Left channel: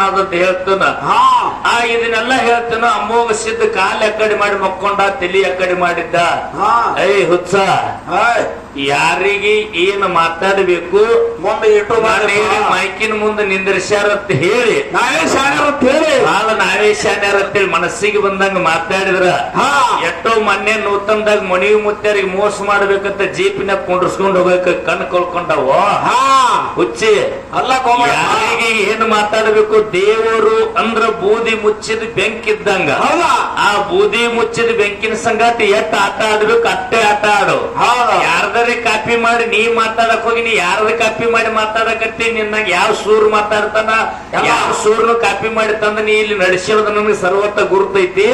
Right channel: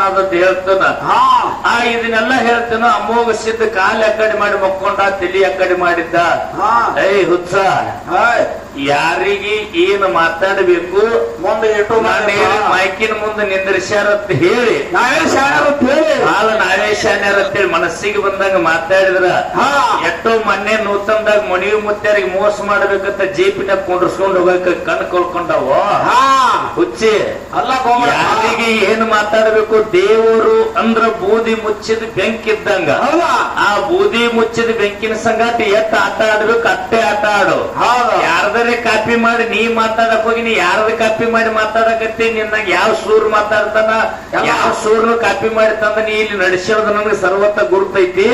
ನಾದತ್ ಹೇಳ್ತಾನ ಇದನ್ನೆಲ್ಲ ಹೇಳ್ತಾನ. ಅಮೋಘ ಸಿದ್ಧ ಕಾಲ ಅಕ್ಕಡಿ ಮಾಡಿ ಮಕ್ಕೊಂಡ, ತಲಿ ಅಕ್ಕಡಿ ಮಾಡಿದ್ದ. ಹುಚ್ಚ, ಯಾರಿಗೆ ಏನ್ ಮಾತಾಡಬೇಕು ಮುಂದೆ ಇಟ್ಟು ಮೈಕಿನ ಮುಂದೆ ನಿಂದ್ರಿಸ್ಯಾರತ್ ಹೇಳಿ ನಾವೇ ಶಾಣ್ಯಾರತ್ತೇಳಿ ಮನಸ್ಸಿಗೆ ಬಂದಂಗ ಮಾತಾಡಿದ್ರ ಎಷ್ಟೋ ಮೊನ್ನೆ ನೂತನದಾಗ ಮಣಿವಿ ಮುತ್ತರಿಗೆ ಮೋಸ ಮಾಡ್ಬೇಕಂತ ಜೀಪಿನಾಗ ಕುಂಡ್ರಸ್ಕೊಂಡ್ ಹೋಗಕ ಕಣ್ ಕೊಳ್ಕೊಂಡವ. ಹುಚ್ಚಿ ಅಲ್ಲ, ಯಾರಿಗೆ ಏನ್ ಮಾತಾಡಬೇಕು? ದೇವರು ಅಂದ್ರ ಬೂದಿ ಮುಚ್ಚಿದ ಬೆಂಕಿ ಇದ್ದಂಗ. ಆ ಬೂದಿ ಮುಚ್ಚಿದ ಬೆಂಕಿನ ಸಂಗತಿ ಎತ್ತ ಆಟ ಆಡ್ಬೇಕು, ಅಟ್ಟೆ ಆಟ ಆಡು. ಯಾರ್ದಾರೆ ಕಾಪಿ ಮಾಡಿ ನೀ ಮಾತಾಡಕ್ ಹೋಗಿ, ನೀ ಯಾರ್ದ ಕಾಪಿ ಮಾಡಿ ಮಾತಾಡಕತ್ತಿ, ನಿನ್ನಾಗ ಯಾವ ಸೂರ್ ಮಾತಾಡ್ತಾನ, ಯಾವ ಸೂರ್ನು ಕಾಪಿ ಮಾಡಿ ತಂದ ನೀ ಇಲ್ಲಿ ನಡೆಸಿರೋದು ನನಗೆ ಸರ್ವತ್ತ ಗುರುತೈತಿ.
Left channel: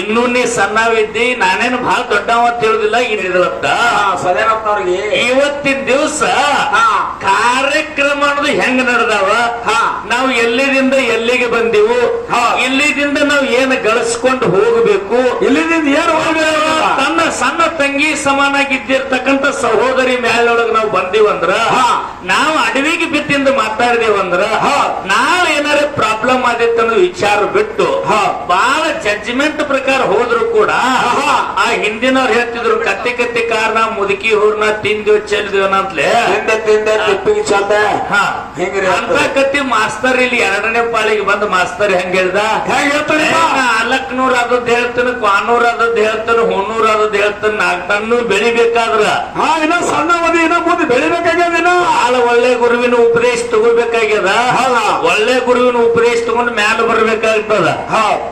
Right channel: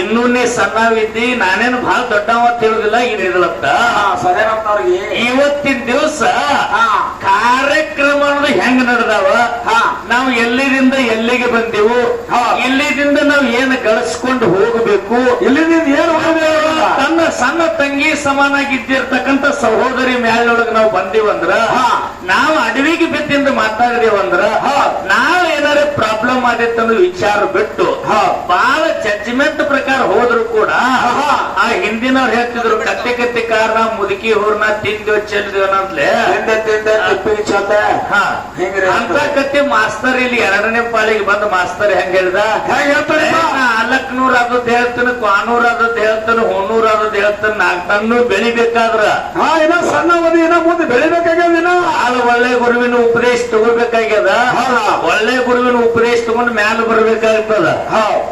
ಇನ್ನೂ ನೀ ಸಣ್ಣವಿದ್ದಿ, ನಾನೇನು ಬಹಳ ದೊಡ್ಡವ ತಿಳಿದಿಲ್ಲ. ಇರತ್ತ ಇವತ್ತಿನ ದಿವಸ ಕಾರ್ಯಕ್ರಮ ಅನ್ನೋದು ಹೆಂಗ್ ನಡೆದಾವ, ನಾವು ಎಲ್ಲಿದಿಂದ ಎಲ್ಲಿಗೆ ಬಂದೆವು, ಇಲ್ಲಿದಿಂದ ನಾವು ಏನು ಗಳಿಸ್ಕೊಂಡು ಹೋಗಬೇಕು, ಇಲ್ಲಿದಿಂದ ಏನು ತನ್ನ ಸಣ್ಣ ತಂಗಿ ಸಮಾನಾಗಿದ್ದಿರ್ತಕ್ಕಂಥ ಸಹೋದರಿ ಮ್ಯಾಲೊಳಗೆ ನಾವು ಬಂದೀವಂದ್ರ, ನಾವು ಅಡವಿಗೆ ಬಿತ್ತಿಂದ ಮಾತಾಡಿದೇವಂದ್ರ, ನಾವು ಏನಾರ ಪ್ರಾಬ್ಲಮ್ ಆದಿತ್ತನ್ನೋ ವಿಚಾರ ಬಿಟ್ಟು ಬಹಳ ಜಡ್ಜ್ಮೆಂಟ್ ಪ್ರಕಾರ ಹೋದ್ರು ಕೂಡ ಆ ಹಿಂದಿನವ್ರು ಹೇಳ್ತಿದ್ರು, ಕತ್ತಿ ಕತ್ತಿ ಕಾರಣ ಮುದುಕಿ ಹೂರ್ನ ತಿಂದ್ವಿ ಚೆಲ್ದಿವನಂತಲೇ ಅಂತ ಕತ್ತಿ ಮಾಸ್ತರ್ ಇಲ್ಲಿ 2ನೇ ಪಾಳಿಗೆ ಬಂದು ಮಾಸ್ತರ್ ಹೆಂಗ ಹೇಳ್ದ, 400 ಆದದ್ದು ಹೇಳ್ತಾನೆ, 400 ಆದದ್ದು ಹೇಳ್ತಾನೆ, 100 ಆದದ್ದು ಹೇಳ್ತಾನೆ. 4 ಟನ್ನು ಬೆಳಿಬೇಕಾದ್ರ ಸಣ್ಣ ಮುಂದೆ ಬೆಳಿಬೇಕಾಗ್ಯದ. ಬಹಳ ಒಳ್ಳೆ ಗುರುವಿನ ಉಪದೇಶ ತಗೋಬೇಕಾಗ್ಯದ. ಒಳ್ಳೆ ಗುರುವಿನ ಉಪದೇಶ ತಗೊಂಡು ಮ್ಯಾಲ ಬರ್ಬೇಕಾಗ್ತದ.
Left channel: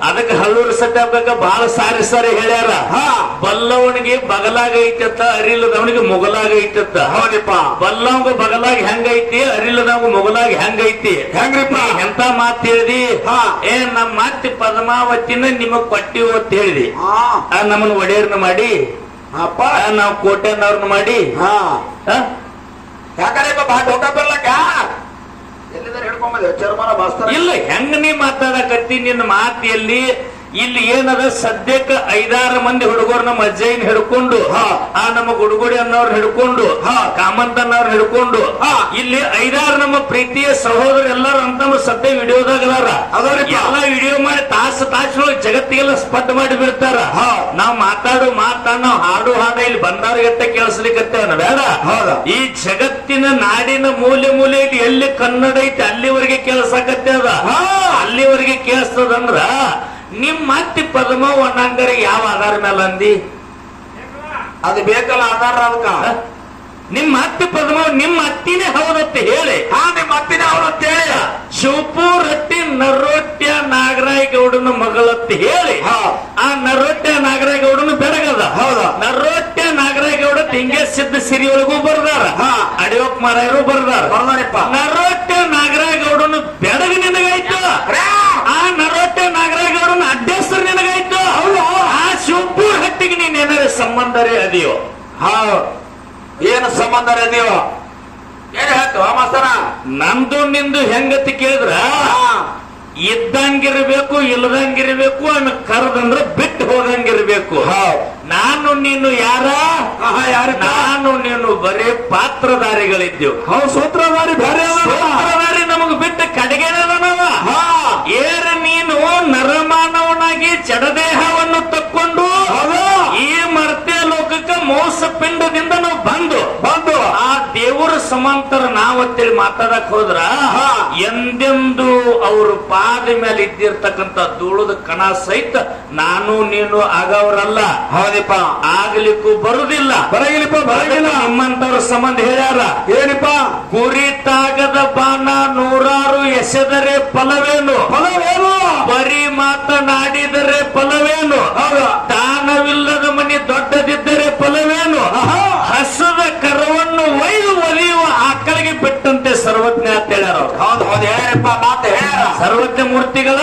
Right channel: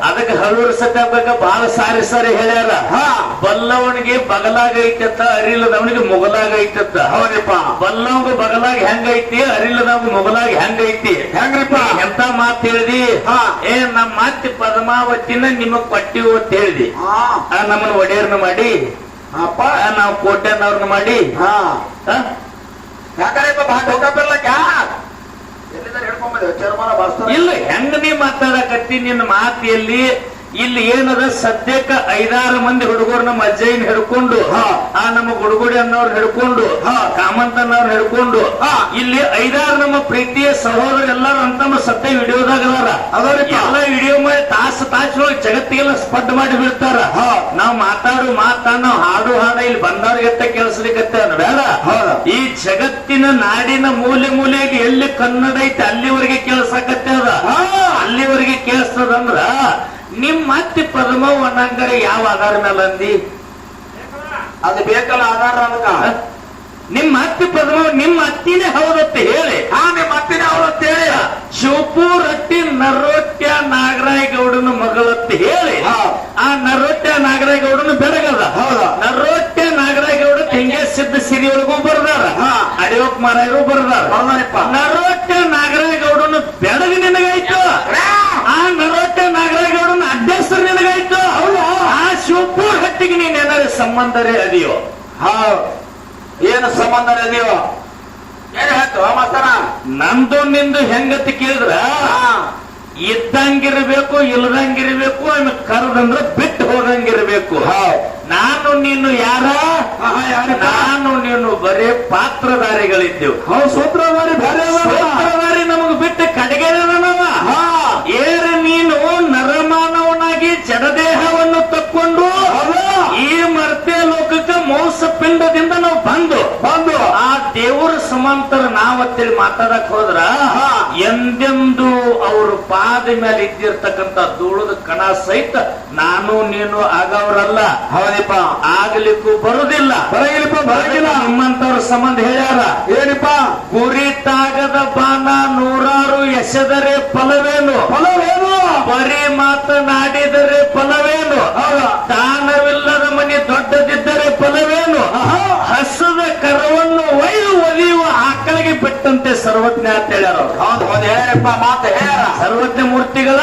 ಅದಕ್ಕೆ ಹಳ್ಳೂರು ಸತ್ಯಾಗ ಬಹಳ ಸಾರಿ ಸಾರಿ ಹೇಳ್ಯಾರ, ಬಲ್ಲವನಿಗೆ ಬಗಲಾಗ ಐತತ್ತ, ಅರಿಲ್ಲದವನಿಗೆ ಮುಗಲಾಗ ಐತತ್ತ. ಬಲ್ಲವಂಗ ಬಗಲಾಗ ಹೆಂಗೈತಿ, ಅರಿಲ್ಲದವಂಗ ಮುಗಲಾಗ ಹೆಂಗೈತಿ. ಹೆಂಗ್ರಿಪ್ಪ ಎಂತ ಮಾತು ಹೇಳಿದಿ? ನಮ್ಮ ಮಾತಿ ಪದ್ಮಾವತಿನ ನಿಮಗ್ ಪಟ್ಟಿ ಅಂತ ಹೇಳಿದಿ. ನಮ್ಮನ್ನ ಒಡೆಯರ್ನ ಮಾಡಿ ನಾವು ಕೋಟೆನವ್ರನ್ನ ಮಾಡಿ ಇಲ್ಲ ಹೆಂಗ ನೀ ಮಾತಾಡಕತ್ತಿ? ನಿನ್ನ ಮಾತಿಯಲ್ಲಿ ಇಲ್ಲಿ ಏನದ ಸದ್ಯಕ್ಕ 5-6 ಮಂದಿ ಹುಡುಗರು ನಮ್ಮ ಅಜ್ಜಯ್ಯನ ಹಿಡ್ಕೊಂಡು, ನಮ್ಮ ಗುಡುಗುಡಿ ಅನ್ನೋರ್ ಹಿಡ್ಕೊಂಡು, ಕಾಮಂತ ಅನ್ನೋರ್ ಹಿಡ್ಕೊಂಡು, ಇಲ್ಲಿ 5-6 ನಮ್ಮ ಪ್ರೀತಿಯ ಸಹೋದರ ಎಲ್ಲರೂ ಅಂತ ಸತ್ಯ ವಿಡಿಯೋದಾಗದಾರ. ಎಲ್ಲ ವಿಡಿಯೋ ಮಾಡಿ ತಾಸೊಳಗೆ ಜಗತ್ತಿಗೆಲ್ಲ ಸ್ಪಡ್ ಮಾಡಿ ಬಿಡ್ತಾರ. ನಾವ್ ಮಾತಾಡು ನಾವು ಹಾಡು ಇಲ್ಲಿ ಬಂದವ್ರಿಗೆ ಎತ್ತ ಕೇಳಿಸ್ಲಿಕ್ಕೆ ಬೇಡ. ಈ ಜಗತ್ತಿನ ನಾಡಿನ ಮೂಲೆಯಲ್ಲಿ ಎಲ್ಲಿ ಕನ್ನಡ ಐತಿ ಅಲ್ಲಿವರೆಗೆ ಕೇಳಿಸಕತ್ತೆ ಅದ. ಅಲ್ಲಿವರೆಗೆ ಕೇಳಿಸ್ತದಂದ್ರ ನಿಮ್ ಮತ್ತಿ ಪದ್ಮವ್ ಅನ್ನಂಗರೆ ಯಾವ ಆಧಾರ ಮೇಲೆ ಅಂದಿ? ಅದು ಬೇಕಲ್ಲ ಆಧಾರ. ಅದಕ್ಕ ನಿಮ್ಮ ಅತ್ತಿ ಪದ್ಮವ್ ನಿಮ್ಮ ಅತ್ತಿನೇ ಹೌದತ್ತೆ ಹೇಳಿ. ನಿಮ್ಮ ಅತ್ತಿನೇ ಹೌದತ್ತೆ ಹೇಳಿ. ಶಿವಪುರ್ ಅತ್ತಿ ನರೋಟ್ಯ ನಾಗರಾಯಗೌಡನ ಮಗಳತ್ತೆ ಹೇಳಿ. ಆ ನರೋಟ್ಯ ನಾಗರಾಯಗೌಡನ ಬೆಳಗದ. ನರೋಟ್ಯ ನಾಗರಾಯಗೌಡ ತೆಂಗೆ ಸಿದ್ಧ ಸಿರಿಯೊಳಗೂ ಬರ್ದಾರ, ಅಡಿಯೋಕ್ ಮಾರಾಯರು ಬರ್ದಾರ. ನರೋಟ್ಯ ನಾಗರಾಯಗೌಡನ ಬೆಳಗ ನಿನಗಾಯ್ತು, ಆ ನರೋಟ್ಯ ನಾಗರಾಯಗೌಡನ ಅಡ್ಡೇಶ್ವರ ನಿನಗಾಯ್ತು. ಆ ಶಿವಪುರ್ ಹಟ್ಟಿಗೆ ನೀನ್ ಏನಾದ್ರು ಸಂಬಂಧರೇ ಅದೀಯೋ? ಏನು ಸಂಬಂಧರೇ ಅದೀಯೋ? ಏನ್ ಹೇಳ್ತು ಮಾಸ್ತರ? ನಂದು ನಿಂದು ಹೆಂಗತಿ ಕೇಳಿದ್ರ ಇದ್ದಂಗಿರ್ಬೇಕು, ಇಲ್ಲದಂಗಿರ್ಬೇಕು, ಆಮೇಲೆ ಕರೆದಂದ್ರ ಬಿಟ್ಟು ಹೋದಂಗಿರ್ಬೇಕು. ನಾನು ನೀನು ಯಾರ? ನಾನು ನೀನು ಬರೀ ಪಾತ್ರಧಾರಿಗಳಿದ್ದೆವು. ಸೂತ್ರಧಾರಿ ಸೂತ್ರಧಾರಿ ನಮಗ್ ಬಿಟ್ಟು ಕಡೆಗೆ ಏರ ನೀನು ನರಮಾನವನಾಗಿ ಜಡದೇಹವನ್ನು ತಕ್ಕೊಂಡು ಈ ಮರ್ತ್ಯ ಲೋಕಕ್ಕೆ ಮೋಸ ಪಿಂಡದಿಂದ ನಾವು ಬಂದು ಆ ದೇವರ ಸಮಾಂತರ ನಾವತ್ತೇಳಿ ಮಾತಾಡಕ್ ಹೋದ್ರ ಎಂದೆಂದು ಅವ್ರ ಪಾದ ಮೇಲೆ ಇದ್ದಿರ್ತಕ್ಕಂಥ ಧೂಳದ ಕಣ ಸಹಿತ ನಾನು ನೀನು ಆಗವರಲ್ಲ. ಹೌದಪ್ಪ, ಆಗ್ಲಿಕ್ಕೂ ಬರುದಿಲ್ಲ. ಬರಗಿಲ್ಲ ನಿಮ್ಮಂತವ್ರ ಸಂಬಂಧ ಹೇಳ್ಯಾರ. ಏನಿಪ್ಪ? ಗುರಿತಾಗದ ಬಾಣ 100 ಎಸೆದರೆ ಫಲವೇನು? ಬರೀ ಮಾತನಾಡಿದರೆ ಫಲವೇನು? ದಾನವಿಲ್ಲದ ಮನೆ ದೊಡ್ಡದಿದ್ದರೆ ಫಲವೇನು? ಹಸದ ಕರವನ್ನು ಒಲಿಯುವ ಆಕಳಿಗೆ ಬಿಟ್ಟಂತೆ ಸರ್ವಜ್ಞ ಅಂತ ಹೇಳ್ಯಾರ. ಸರ್ವಜ್ಞ ಮೂರ್ತಿಗಳ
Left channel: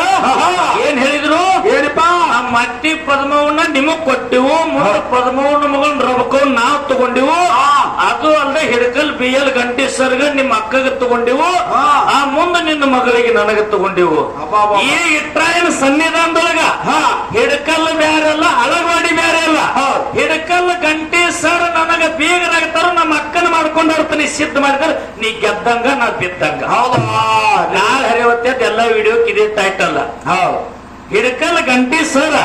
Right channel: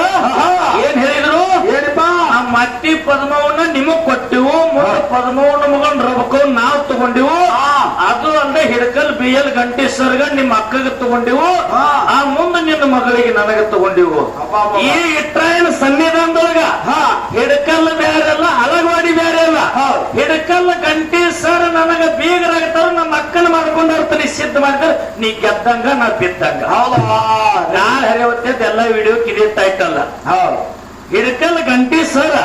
ಏನ್ ಹೇಳಿದ್ರು? ಏನಪ್ಪ? ಆ ಮಟ್ಟಿ ಪದ್ಮವನ್ನ ನಿಮಗ್ ಕೊಟ್ಟಿವು, ಪದ್ಮವನ್ನ ಮಗನ್ ರಬಕವ್ ನಾವ್ ತಗೊಂಡಿವು. ಅದು ಅಂದ್ರೆ ಹಿಡಕಲ್ BL ಗಂಟೇಶ್ವರ್ಗ ನಿಮ್ಮ ಅಕ್ಕಗೆ ತಗೊಂಡಿವು. ಆ ಮುಂದೆ ನಿನ್ನ ಮಗಳಿಗೆ ನನಗೆ ತಗೊಂಡಿವು. ಈ ಇಟ್ರಾಯನ ಸನ್ನಿಧಾನದೊಳಗ ಹಿಡಕಲ್ ಬ್ಯಾರಲ್ಲ, ಅಳಗವಾಡಿ ಬ್ಯಾರೆ ಅಲ್ಲ. ಹಿಡಕಲ್ ಗಂಟೇಶ್ವರ ನನಗ ಬೀಗರಾಗ್ತಾರ, ನಮ್ಮ ಅಕ್ಕನ ಮಾಡ್ಕೊಂಡಿರ್ತಾನೆ ಸಿದ್ಧ ಮಾಡ್ತಾರೆ. ನೀ ಗೆದ್ದಂಗ ನಾ ಬಿದ್ದಂಗ. ಹೌದಾ ನಾಳೆ ಹರಿವತ್ತದ ಎಲ್ಲ ವಿಡಿಯೋಕ್ ಇದೇ ಟೈಟಲ್. ಹೌದು ಹಿಡಕಲ್ ಗಂಟಿ ಸರ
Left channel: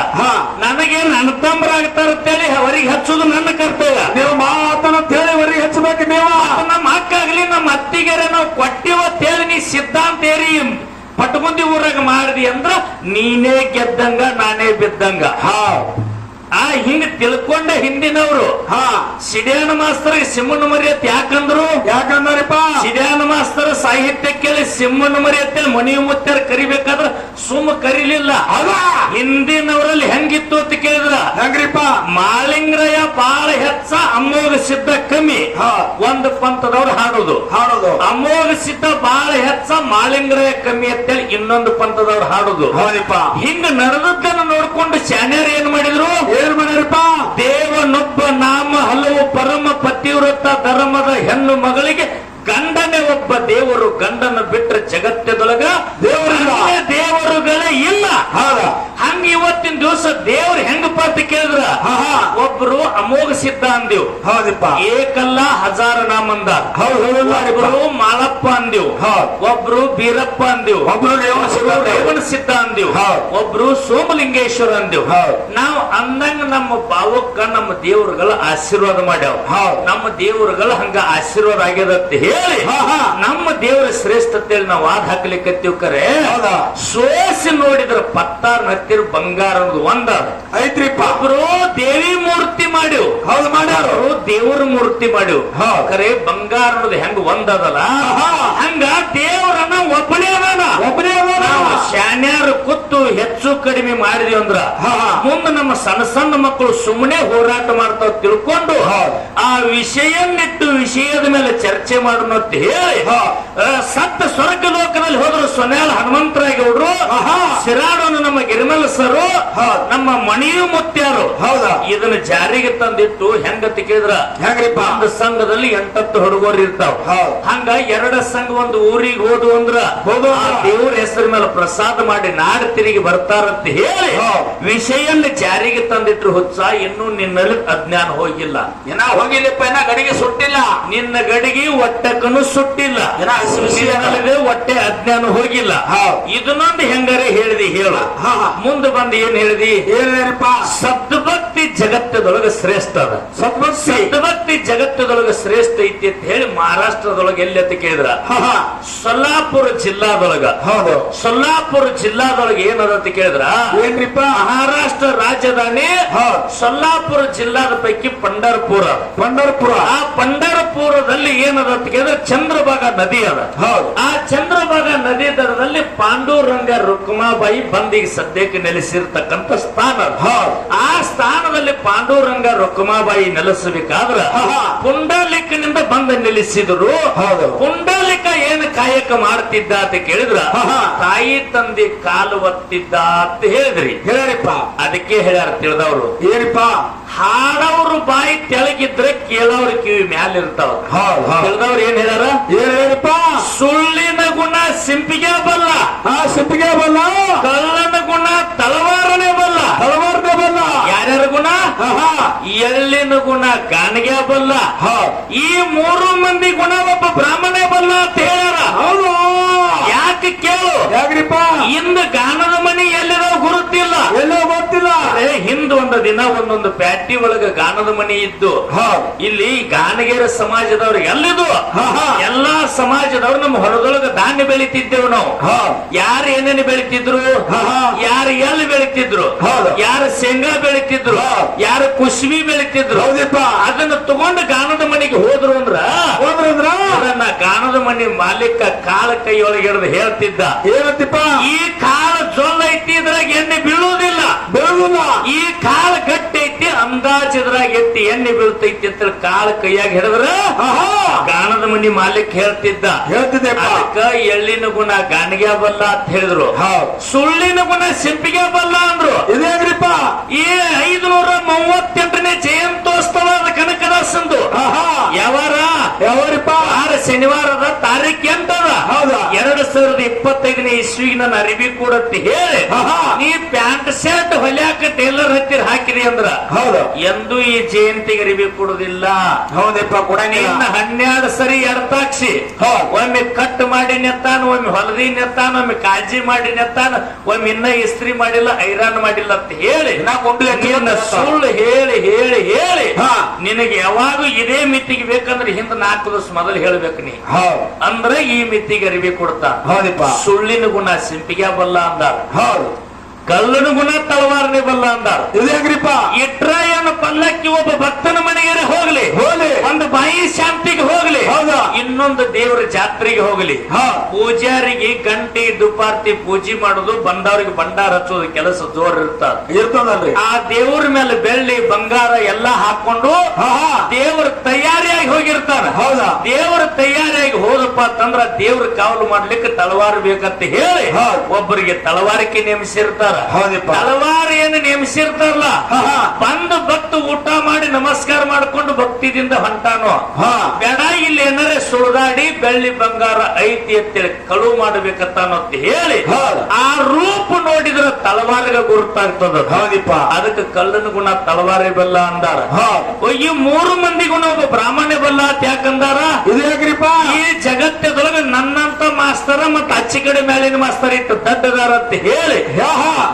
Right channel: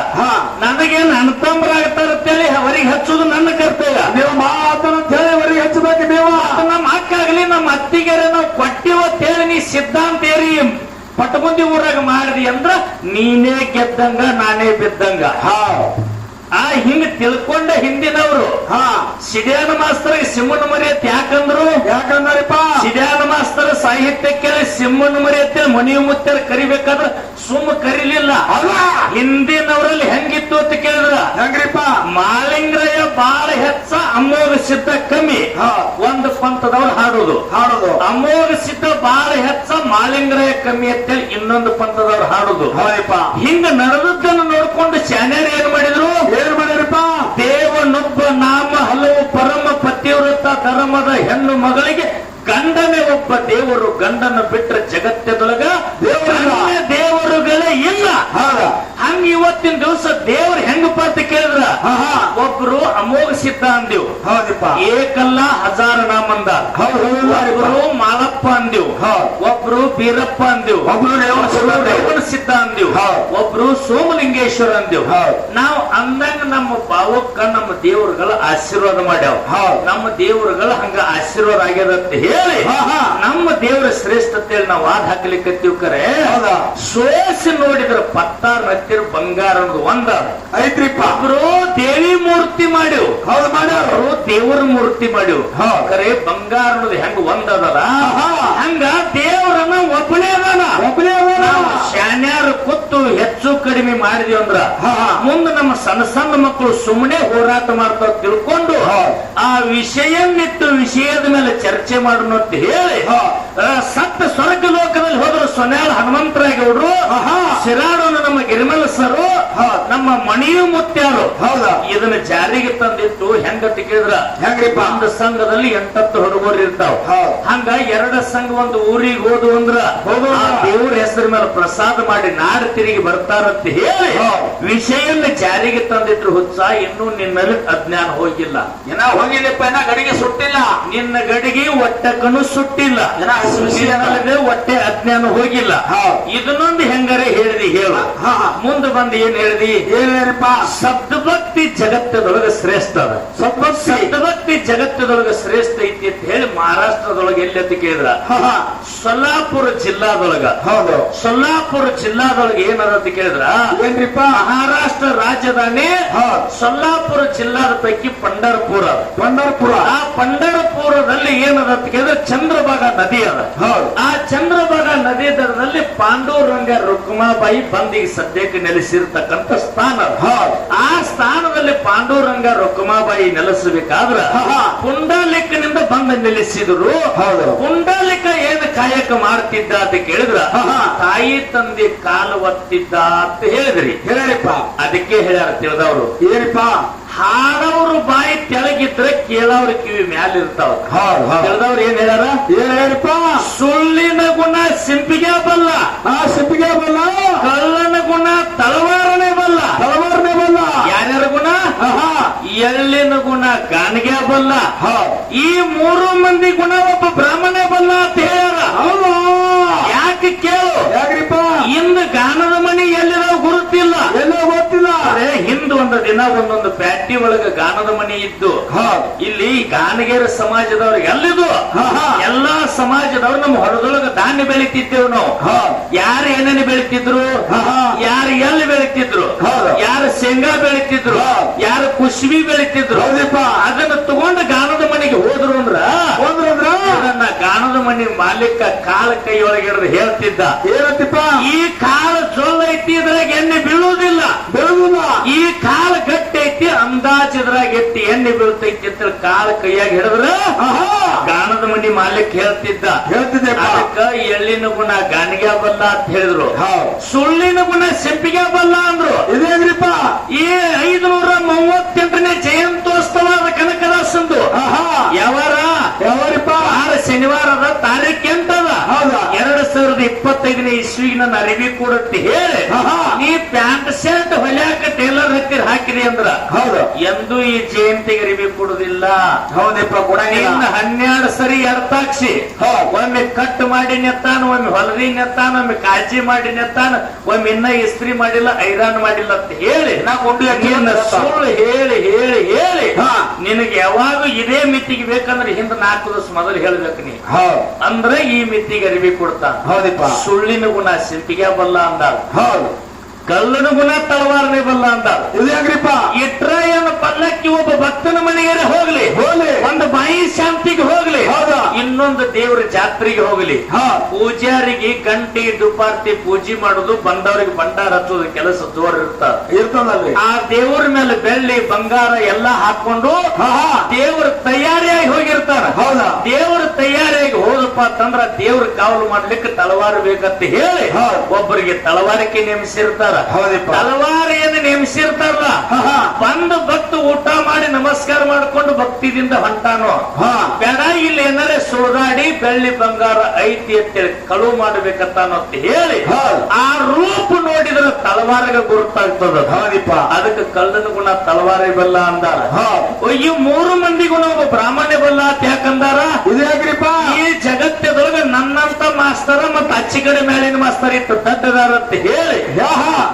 ನನಗೇನು ಅಣ್ತಂಬರಾಗ್ತಾರತ್ತೇಳಿ ಅವರಿಗೆ ಹಚ್ಚುದು ನನ್ನ ಕರ್ತವ್ಯ. ನೀವು ಮಾತನ್ನ ಹೇಳಿ ಅವರಿಗೆ ಹಚ್ಚಬೇಕು. ನೀವು ನಮ್ಮ ಅಕ್ಕಾಗ್ಲಿ ನಮ್ಮ ಅತ್ತಿಗೆರೆ ನಾವು ಕೊಟ್ಟಿವತ್ತೇಳಿ ನೀ ಸಿದ್ಧಾಂತ ಏರಿ ಪಟಮುಂದಿ ಊರಾಗ ಮಾಡಿದಿ ಅಂದ್ರ ನೀನೇ ಗೆದ್ದಂಗ ನಾನೇ ಬಿದ್ದಂಗ. ಹಿಂಗ ತಿಳ್ಕೊಂಡ ಹಿಂದಿನವರು ಸಿಡಿಯಾನ ಮಾಸ್ತರ್ ಸಿಂಹನ ಮರಿ ಅಂತ ಯಾಕಂದ್ರಪ್ಪ ಸಿಡಿಯಾನ ಮಾಸ್ತರ್ ಸಾಹಿತ್ಯ ಕೇಳಿ ಸಿಂಹನ ಮರಿ ಅಂತೇಳಿ ಮನಿ ಮುತ್ತಾರ ಕರಿಬೇಕಾದ್ರ ಸುಮ್ಮ ಕರಿಲಿಲ್ಲ. ಹಿಂದಿನವರಲ್ಲಿ ಹೆಂಗಿತ್ತು ಅಂತ ಕೇಳಿದ್ರ ಹೆಂಗ್ರಿಪ್ಪ ಮಾಳಿಂಗ್ರಯ ಬಾಳ ಹೆಚ್ಚ ಅಮೋಘ ಸಿದ್ಧ ಕಮ್ಮಿ. ಒಂದು ಪಂಥದವ್ರು ಹಾಡೋದು ಅಮೋಘ ಸಿದ್ಧ ಬಾಳ ಹೆಚ್ಚ ಮಾಳಿಂಗ್ರಯ ಕಮ್ಮಿ ಅಂತೇಳಿ ಇನ್ನೊಂದು ಪಂಥದವ್ರು ಹಾಡೋದು. ಹಿಂಗ ನಡೆದದ್ದನ್ನು ನೋಡ್ಕೊಂಡು ಶಾನ್ಯಾರ ಏನ್ ಮಾಡಿದ್ರು ದೇವನೊಬ್ಬ ನಾಮ ಹಲವು ಪರಮ ಪತಿವ್ರತ ಧರ್ಮದ ಹೆಣ್ಣು ಮಗಳಿಗೆ ಗಂಡನೇ ಒಬ್ಬ ದೇವರು. ಗಂಡನ ಬಿಟ್ಟರೆ ಜಗತ್ತದೊಳಗ ದೇವರುಗಳೇ ಇಲ್ಲ. ಹಂಗ ಇವತ್ತಿನ ದಿವಸ ದೇವ್ರ ಹೆಂಗಪ್ಪ ಅಂತ ಕೇಳಿದ್ರ ಒಬ್ರು ಅಮೋಘ ಸಿದ್ಧ ಅಂದಿವ್, ಏಕಲ್ಲ ಹಜಾರ ನಾಮಂದ. ಒಬ್ರು ಮಾಲಪ್ಪ ಅಂದಿವ್, ಒಬ್ರು ಬೀರಪ್ಪ ಅಂದಿವ್, ಒಬ್ರು ರೇವಣ ಸಿದ್ಧ ಅಂದಿವ್, ಒಬ್ರು ಸೋಮಲಿಂಗೇಶ್ವರ ಅಂದಿವ್. ನಾವು ಅಂದಂಗ ನಮ್ಮ ಭಾವಕ್ಕ ನಮ್ಮ ದೇವರುಗಳ ಆಶೀರ್ವಾದ ಮಾಡ್ಯಾವ. ನಮ್ಮ ದೇವರುಗಳ ಹಂಗ ಆಶೀರ್ವಾದ ಆಗ್ಯದಂತ ಹೇಳಿ ನಮ್ಮ ದೇವರ ಶ್ರೇಷ್ಠತೆ ನಾವು ವಾದ ಹಾಕ್ಲಿಕ್ಕತ್ತೀವಿ. ಕರೆ ಸೋಸಿ ನೋಡಿದ್ರ ಪತ್ತಾರ ಹತ್ತಿರ ಬಂಗಾರದ ಒಂದ ಐತ್ರಿಪ್ಪ. ಒಬ್ರು ದೇವಿ ಮೂರ್ತಿ ಮಾಡಿವ್, ಮಾಡ್ಯಾರು ದೇವರ ಮೂರ್ತಿ ಮಾಡಿವ್. ಕರೆ ಬಂಗಾರದ ಹೆಂಗ ಒಂದದಲ್ಲ ಹಂಗ ದೇವರನ್ನ ಒಬ್ಬನೇ ಶಾನ್ಯಾರು ಕೂತು ಹೆಚ್ಚು ಕಡಿಮೆ ಮಾಡಿದ್ವಿ ಅಂದ್ರ ಮುಂದೆ ನಮ್ಮ ಸಣ್ಣ ಸಣ್ಣ ಮಕ್ಕಳು ಸುಮ್ಮನೆ ಹೋರಾಟ ಮಾಡ್ತಾವ ತಿಳ್ಕೊಂಡು ಆ ವಿಷಯನ್ನಿಟ್ಟು ವಿಷಯದ ಮೇಲೆ ಚರ್ಚೆ ಮಾಡೋಣ ಅಂತ ಹೇಳಿ ಸತ್ತ ಸ್ವರ್ಗ ಲೋಕದಲ್ಲಿ ಹೋದ್ರು ಸೊನ್ಯಾಳ ಹನುಮಂತರಾಯಗೌಡ್ರು, ಸಿರಾಡೋನು ನಮ್ಮ ಗಿರಿಮಲ ಸರು, ನಮ್ಮ ಮಣಿಯು ಮುತ್ಯಾರು ಇದನ್ನ ಜಾರಿಗೆ ತಂದಿತ್ತು. ಹೆಂಗಂತ ಕೇಳಿದ್ರ ಒಂದು ಸಂಘದಲ್ಲಿ 8 ಹುಡುಗರು ಇರ್ತಾವ. ಹಂಗ 2 ಸಂಘ ಒಂದು ಊರಿಗೆ ಹೋದು ಅಂದ್ರ ದೇವ್ರ ಹೆಸರ ಮೇಲೆ ಪ್ರಸಾದ ಮಾಡಿ ನಾಡು ತಿರುಗಿ ಬರ್ತಾರಂತ ಹೇಳಿ ವಿಷಯನ್ನ ಜಾರಿಗೆ ತಂದಿಟ್ರು. ಹುಚ್ಚ ಇನ್ನೂ ನಿನ್ನಲ್ಲಿ ಅಜ್ಞಾನ ಹೋಗಿಲ್ಲ. ಹೋಗಿಲ್ಲಪ್ಪ, ಗಡಿಗೆ ಸುಟ್ಟಿಲ್ಲ, ನಿನ್ನ ಗಡಿಗೆ ಒಟ್ಟಕ್ಕನು ಸುಟ್ಟಿಲ್ಲ, ಹೊಟ್ಟೆ ಅಜ್ಞಾನ ಹೋಗಿಲ್ಲ. ಇದನ್ನೊಂದು ಹೆಂಗಾರೆ ಹೇಳಿದಿ ಹೇಳ. ಮುಂದೆ ಬಂದು ಏನ್ ಹೇಳಿದಿ ಏನಪ್ಪ? ಸದ್ಭಕ್ತಿ ಜಗತ್ತದೊಳಗ ಶ್ರೇಷ್ಠ ಅದ. ಸದ್ಭಕ್ತಿ ಜಗತ್ತದೊಳಗ ಶ್ರೇಷ್ಠ ಐತಿ ಅಂತ ಹೇಳಿ ಮಹಾರಾಷ್ಟ್ರದೊಳಗೆ ಎಲ್ಲಿ ಅಂತ ಕೇಳಿದ್ರ ಸೊಲ್ಲಾಪುರ ಜಿಲ್ಲಾದೊಳಗ. ಸೊಲ್ಲಾಪುರ ಜಿಲ್ಲಾದೊಳಗೆ ಏನದ ಅಂತ ಕೇಳಿದ್ರ ಏನ್ರಿಪ್ಪ? ಮಹಾರಾಷ್ಟ್ರ ರಾಜಧಾನಿ ಸೊಲ್ಲಾಪುರ ಜಿಲ್ಲಾದ ಪೈಕಿ ಪಂಢರಪುರ. ಆ ಪಂಢರಪುರದಲ್ಲಿ ಏನದ ಅಂತ ಕೇಳಿದ್ರೆ ಚಂದ್ರಭಾಗ ನದಿ ಅದ. ಆ ಚಂದ್ರಭಾಗ ನದಿ ದರದಲ್ಲಿ ಪಾಂಡುರಂಗ ರುಕ್ಮಾಬಾಯಿ ಬಂದಿಗೆ ಸದ್ಯಕ್ಕೆ ನೆಲೆಸಿರ್ತಕ್ಕಂಥ ಸ್ಥಾನ. ಆ ಸ್ಥಾನದಲ್ಲಿ ಪಾಂಡುರಂಗ ರುಕ್ಮಾಬಾಯಿ ನೆಲೆಸಬೇಕಾದ್ರ ಪುಂಡಲಿಕನಿಂದ ಬಂದು ನೆಲೆಸಿದ್ರು. ಪುಂಡಲಿಕ ಏನು ಕಾಯಕ ಮಾಡ್ತಿದ್ದ ಅಂತ ಕೇಳಿದ್ರ ತಾಯಿ ತಂದೆ ಕಾಲು ಒತ್ತಿದ್ದ ಅಂತ ಹೇಳಿದ್ರಿ. ಹೇಳಿಪ್ಪ, ಅದಕ್ಕೆ ಹೇಳ್ಯಾರ ತಿಳಿದವರು ಏನಪ್ಪ? ಹಾಡವ್ರು ಬಾಯಿ ತೆಳಗಿದ್ರೆ ಕೇಳವ್ರ ಕಿವಿ ಮ್ಯಾಲ ಇರ್ತಾವ. ತಿಳಿದವ್ರು ಏನ್ ಹೇಳ್ಯಾರ? ಏನಪ್ಪ? ಸುಳ್ಳಿನ ಗುಣ ಸಿಂಪಿಗೆ ಬಲ್ಲ, ಸಿಂಪಿಗೆ ಬಲ್ಲ. ಕಳ್ಳನ ಗುಣ ತಲವಾರನೇ ಬಲ್ಲ. ಯಾರ್ಯಾರ ಗುಣ? ಎಳ್ಳಿನ ಗುಣ ಗಾಣಿಗೆ ಬಲ್ಲ. ಈ 3 ಮಂದಿ ಗುಣ ಒಬ್ಬ ಬ್ರಾಹ್ಮಣೇ ಬಲ್ಲ ಅಂತ ಹೇಳ್ಯಾರ. ಯಾಕೆ ಕೇಳು? ಯಾಕ್ರಿಪ್ಪ? ಇಂದ ಗಾನದ ಮನಿ ಎಲ್ಲಿರೋ ಗುರುತಿಲ್ಲ, ಎಲ್ಲೋ ಗೊತ್ತಿಲ್ಲ. ಹಿಂದ ಒಂದು ದಿನ ಒಂದೊಂದು ಪ್ಯಾಟಿ ಒಳಗ ಗಾನದ ಮನಿ ಇದ್ದು ಇಲ್ಲಿ ಗಾನಗೇರ ಸಮಾಜದವ್ರಿಗೆ ಎಲ್ಲಿದು ಎಲ್ಲಾ ಸಮಾಜದವ್ರು ನಮ್ಮ ಹೊರದೊಳಗ ಧಾನ್ಯ ಬೆಳಿತಿದ್ದೇವು ನಾವು. ಯಾರು ಏನೇನು ಬೆಳಿತಿದ್ರು, ಯಾರು ಎಲ್ಲಿ ಬೆಳಿತಿದ್ರು, ಯಾರು ಶೇಂಗಾ ಬೆಳಿತಿದ್ರು, ಯಾರು ಕುಶ್ವಿ ಬೆಳಿತಿದ್ರು, ಅದನ್ನ ತಗೊಂಡು ಗಾನದ ಮನೆಗೆ ಹೋದ್ರು ಅಂದ್ರ ಅದನ್ನ ಗಾನದ ಮನೆ ಮಾಲೀಕ ಕಾಲ ಕೈಯೊಳಗೆ ಹೇಳ್ತಿದ್ದ, ಏನಂತಿಪ್ಪ? ಈ ಕಾಲ ಜೊಲ್ಲ ಐತಿ, ಇದ್ರಾಗ ಎಣ್ಣೆ ಬೀಳುವುದಿಲ್ಲ. ಈ ಕಾಲ ಗಟ್ಟಿ ಐತಿ, ಅಂದಾಜಿದ್ರಾಗ ಎತ್ತಿ ಎಣ್ಣೆ ಬೀಳ್ತೈತಿ ಅಂತ ಕಾಲ ಕೈಯಾಗ ಹಿಡಿದ್ರ ಗಾನದ ಮನಿ ಮಾಲೀಕ ಹೇಳ್ತಿದ್ದ. ಅದಕ್ಕ ಎಳ್ಳಿನ ಗುಣ ಗಾಣಿಗೆ ಬಲ್ಲ ಅಂತ ಹೇಳಿದ್ರು, ಸುಳ್ಳಿನ ಗುಣ ಸಿಂಪಿಗೆ ಬಲ್ಲ ಅಂದ್ರು. ಇದೇನ್ರಿಪ್ಪ? ಈ 538ನೇ ಜಯಂತ್ಯೋತ್ಸವದ ಕನಕದಾಸಂದು ಯಾವಾರಿಪ್ಪ? ಶನಿವಾರದ ತಾರೀಖು ಎಂಟದ 2023 2025ನೇ ಇಸ್ವಿಗೆ ನನ್ನ ಅರಿವಿ ಕೊಡತ್ತ ಹೇಳಿ ಆಹಾ. ನೀ ಪ್ಯಾಂಟ್ ಶರ್ಟ್ ಹೊಲ್ಯಾಕ ಟೇಲರ್ ಹತ್ತಿರ ಹಾಕಿರಿ ಅಂದ್ರ ಹೌದು ಎಂದೂ ಈ ಜಯಂತಿಗೆ ಅರಿವಿ ಕೊಡುದಿಲ್ಲ. ಹೌದಪ್ಪ ಕೊಡಂಗಿಲ್ಲ. ಇನ್ನ 12 ಸರಿ ಎರ್ತಾಕ್ಷಿ ಒಮ್ಮೆ ಕಟ್ ಮಾಡಿ ನೆತ್ತಾನ, ಒಮ್ಮೆ ಹೊಲದಿ ನೆತ್ತಾನ, ಒಮ್ಮೆ ಕಾಳಜಿ ಮಾಡಿ ನೆತ್ತಾನ, ಒಮ್ಮೆ ಇನ್ನ ಇಸ್ತ್ರಿ ಮಾಡಿಲ್ಲ, ಐರನ್ ಮಾಡಿಲ್ಲ ಅಂತ ಹೇಳಿ ನಿನ್ನ ಸುಳ್ಳು ಹೇಳಿ ಹೇಳಿ ಹೇಳಿ ನಿನಗೆ ಯಾವಾಗ ಇದೇ ಮಿತಿಗೆ ಬೇಕಂದ್ರೆ ಹಿಂದ 4 ದಿವಸ ಮೊದಲು ಹೇಳ್ಬೇಕು ನೀ. ಅಂದ್ರೆ ಈ ಮಿತಿಗೆ ಅರಿವಿ ಕೊಡ್ತಾ. ಹೌದಪ್ಪ. ಸುಳ್ಳಿನ ಗುಣ ಸಿಂಪಿಗೆ ಬಲ್ಲ ಅಂದ, ಹೌದು ಕಲ್ಲನ ಗುಣ ತಳವಾರನೆ ಬಲ್ಲ ಅಂದ. ಇದು ಹೆಂಗ್ರಿಪ್ಪ? ಇಟ್ರ ಏನು ಪಲ್ಲಕ್ಕಿ ಒಬ್ಬ ಭಕ್ತನ ಮನೆಗೆ ಹೋಗ್ಲಿ, ಹೋಗ್ಲಿ. ಒಂದು ಬಾಯಿ ಶಾಂತಿಗೆ ಹೋಗ್ಲಿ, ಹೌದಾ? ಇನ್ನೊಂದು ದೇವರ ಜಾತ್ರೆಗೆ ಹೋಗ್ಲಿ, ಪೂಜಾರಿಗೆ ಗಂಟೆ ದುಪಾರ್ತಿ ಪೂಜೆ ಮಾಡುದು, ಬಂದವರಿಗೆ ಭಂಡಾರ ಹಚ್ಚೋದು ಕೆಲಸ ಜೋರ್ ಇರ್ತದಲ್ರಿ. ಆ ದೇವರ ಮೇಲೆ ಬೆಳ್ಳಿ ಬಂಗಾರ ಎಲ್ಲ ಹಾಕೊಂಡು ದೇವರ ತಯಾರಿಯಾಗಿ ಹೋಗಿರ್ತಾನ. ಹೌದಾ? ದೇವರ ತಯಾರಿಯಾಗಿ ಹೋದಪ್ಪ ಅಂತಂದ್ರ ದೇವ್ರ ಕಾವಲು ಮಾಡ್ಲಿಕ್ಕೆ ತಲವಾರು ಬೇಕಂತ ಹೇಳಿ ಒಬ್ಬರಿಗೆ ತಲವಾರಿಕೆ ನೇಮಿಸಿರ್ತಾರ. ತಲವಾರಿಯನ್ನು ನೇಮಿಸಿರ್ತಾರಲ್ಲ, ಬಂದು ಭಕ್ತ ಊಟ ಮಾಡಿ ನಮಸ್ಕಾರ ಮಾಡ್ಕೊಂಡು ಭಕ್ತಿದಿಂದ ಹೊಂಟಾನೋ ಬೇಡ, ಇಲ್ಲಿ ಏನಾರೇ ಸುಳ್ದಾಡಿ ಬೆಳ್ಳಿ ಬಂಗಾರ ಐತಿ ಅಂತೇಳಿ ಕಳುವು ಮಾಡಬೇಕಂತಾನೋ ಅಂತ ಹೇಳಿ ಆ ರೂಪ ನೋಡಿದ್ರೆ ತಲವಾರಿಗೆ ಗುರುತಾಗ್ತದ. ಅದಕ್ಕೆ ಕಳ್ಳನ ಗುಣ ತಲವಾರಿ ಬಲ್ಲ ಅಂದಾರ. ಈ 3 ಮಂದಿ ಗುಣ ಒಬ್ಬ ಬ್ರಾಹ್ಮಣ್ಯ ಬಲ್ಲ ಅಂತ ಯಾಕಂದಾರ? ಈ ಜಗತ್ತದೊಳಗೆ ನನ್ನಂತ ಮಾಸ್ತರ ಮತ್ತ ಅಚ್ಚಿ ಕಡೆ ಮೇಲಿನ ಮಾಸ್ತರ ಇಟ್ಟು ದಡ್ಡದಾರ ಅಂತ ಹೇಳಿ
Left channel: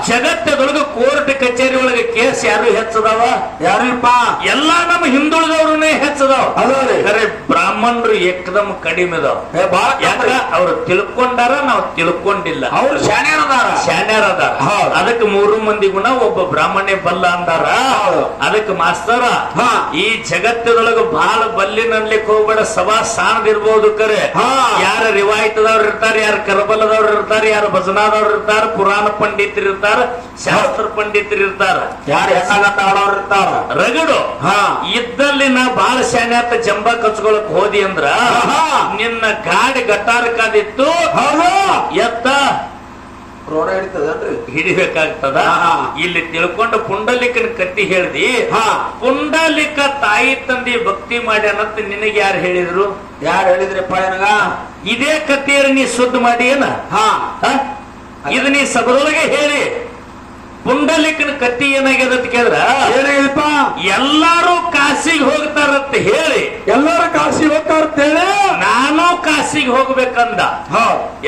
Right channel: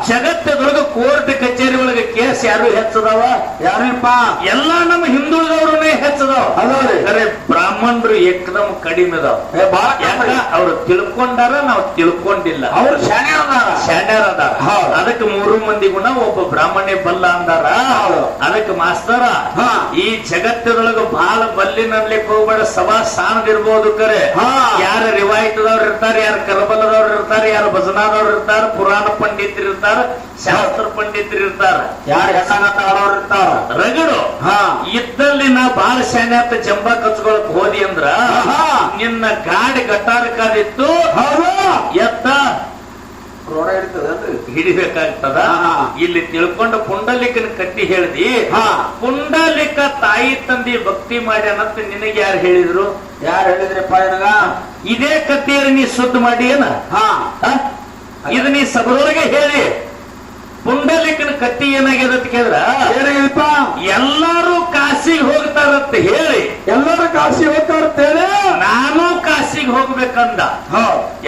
ಜಗತ್ತದೊಳಗೆ ಕೋರ್ಟ್ ಕಚೇರಿ ಒಳಗೆ ಕೇಸ್ ಯಾರು ಹೆಚ್ಚದವ? ಯಾರಪ್ಪ? ಎಲ್ಲಾ ನಮ್ಮ ಹಿಂದುಳಿದವ್ರನ್ನೇ ಹೆಚ್ಚದವ. ಅರೆ ಬ್ರಾಹ್ಮಣರು ಏಕದಮ್ ಕಡಿಮೆ ಅದಾವ. ಯಾಕ ಅವ್ರು ತಿಳ್ಕೊಂಡಾರ, ನಾವು ತಿಳ್ಕೊಂಡಿಲ್ಲ. ಅವ್ರು ಶಾಣ್ಯಾರ ಅದಾರ. ಅದಕ್ಕೆ 3 ಮಂದಿ ಗುಣ ಒಬ್ಬ ಬ್ರಾಹ್ಮಣ್ಯ ಬಲ್ಲ ಅಂದಾರ. ಅದಕ್ಕೆ ಮಾಸ್ತರ ಈ ಜಗತ್ತದೊಳಗೆ ಬಹಳ ಬಲ್ಲಿನಲ್ಲಿಕ್ಕೆ ಹೋಗ್ಬೇಡ, ಸಭಾ ಸಾಣದಿರ್ಬೋದು ಕರೆ. ಯಾರ ರಿವಾಯಿತದವ್ರು ಇರ್ತಾರೆ, ಯಾರು ಕರಬಲದವ್ರು ಇರ್ತಾರೆ, ಯಾರು ಭಜನಾದವ್ರು ಇರ್ತಾರ, ಪುರಾಣ ಪಂಡಿತರು ಇರ್ತಾರ, ಶಾಸ್ತ್ರ ಪಂಡಿತರು ಇರ್ತಾರ, ಯಾರು ಆಡೋರು ಇರ್ತಾರ. ರಗಡು ಇದ್ದಲ್ಲಿ ನಾ ಬಾಳ ಶಾನೆ ಅಂತ ಜಂಬ ಕಚ್ಕೊಳಕ್ ಹೋದಿ ಅಂದ್ರ ನಿನ್ನ ಗಾಡಿ ಗಟ್ಟಾರ ಕಾದಿತ್ತು ಎತ್ತ ರೋಡ ಹಿಡಿತದಲ್ರಿ, ಹಿಡಿಬೇಕಾಗ್ತದ. ಇಲ್ಲಿ ತಿಳ್ಕೊಂಡು ಪುಂಡಲಿಕನ ಕಟ್ಟಿ ಹೇಳ್ದಿ. ಪುಂಡಲಿಕ ತಾಯಿ ತಂದೆ ಭಕ್ತಿ ಮಾಡ್ಯಾನಂತ ನಿನಗೆ ಯಾರು ಹೇಳಿದ್ರು? ಯಾರು ಹೇಳಿದ್ರಪ್ಪ ನನಗ? ಇದೇ ಕತ್ತಿಯಲ್ಲಿ ನೀ ಸುದ್ದ ಮಾಡಿ ಏನ ಇದು ನೀ ಸಭದೊಳಗೆ ಹೇಳಿ. ಪುಂಡಲಿಕನ ಕತ್ತಿ ಏನಾಗ್ಯದ ಅಂತ ಕೇಳಿದ್ರ ಏನಾಗಿದಪ್ಪ? ಎಲ್ಲಾರು ಕಾಶಿಗೆ ಹೋಗ್ತಾರಂತ ಹೇಳಿ, ಎಲ್ಲಾರು ಕಾಶಿ ಹೋಗ್ತಾರಂತೇಳಿ ನಾನು ಕಾಶಿಗೆ ಹೋಗ್ಬೇಕಂದ.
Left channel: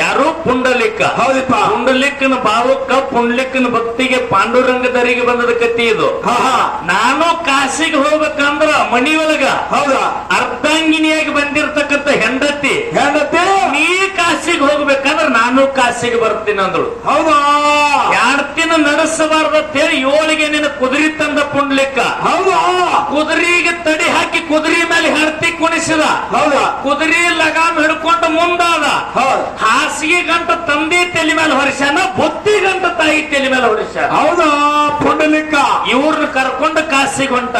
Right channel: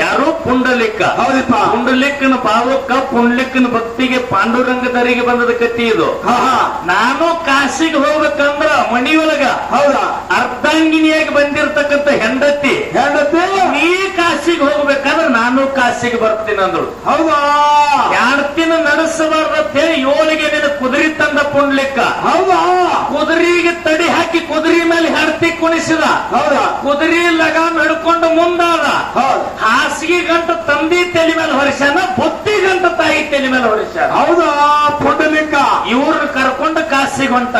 ಯಾರು? ಪುಂಡಲಿಕ. ಹೌದಪ್ಪ. ಪುಂಡಲಿಕನ ಭಾವಕ್ಕ ಪುಂಡಲಿಕನ ಭಕ್ತಿಗೆ ಪಾಂಡುರಂಗದರಿಗೆ ಬಂದದ ಕತ್ತಿ ಇದು. ನಾನು ಕಾಶಿಗೆ ಹೋಗ್ಬೇಕಂದ್ರ ಮಣಿಯೊಳಗ ಹೌದಾ ಅರ್ಧಾಂಗಿನಿಯಾಗಿ ಬಂದಿರ್ತಕ್ಕಂಥ ಹೆಂಡತಿ ನೀ ಕಾಶಿಗೆ ಹೋಗ್ಬೇಕಂದ್ರ ನಾನು ಕಾಶಿಗೆ ಬರ್ತೀನಿ ಅಂದ್ರು. ಹೌದಾ? 2 ದಿನ ನಡೆಸಬಾರ್ದು ಅಂತ ಹೇಳಿ 7ಗೆ ನಿನ್ನ ಕುದುರೆ ತಂದ ಪುಂಡ್ಲಿಕ್ಕ. ಹೌದಾ? ಕುದುರೆಗೆ ತಡಿ ಹಾಕಿ ಕುದುರೆ ಮೇಲೆ ಹರ್ತಿ ಕುಣಿಸಿದ. ಹೌದಾ? ಕುದುರೆ ಲಗಾಮ್ ಹಿಡ್ಕೊಂಡು ಮುಂದಾದ. ಹಾಸಿಗೆ ಗಂಟ ತಂದಿ ತಲೆ ಮೇಲೆ ಹೊರಿಸ್ಯಾನ, ಬುತ್ತಿ ಗಂಟ ತಾಯಿ ತಲೆ ಮೇಲೆ ಹೊರಿಸ್ಯಾನ. ಹೌದಾ? ಪುಂಡಲಿಕ ಇವ್ರನ್ನ ಕರ್ಕೊಂಡು ಕಾಸಿಗೆ ಹೊಂಟ.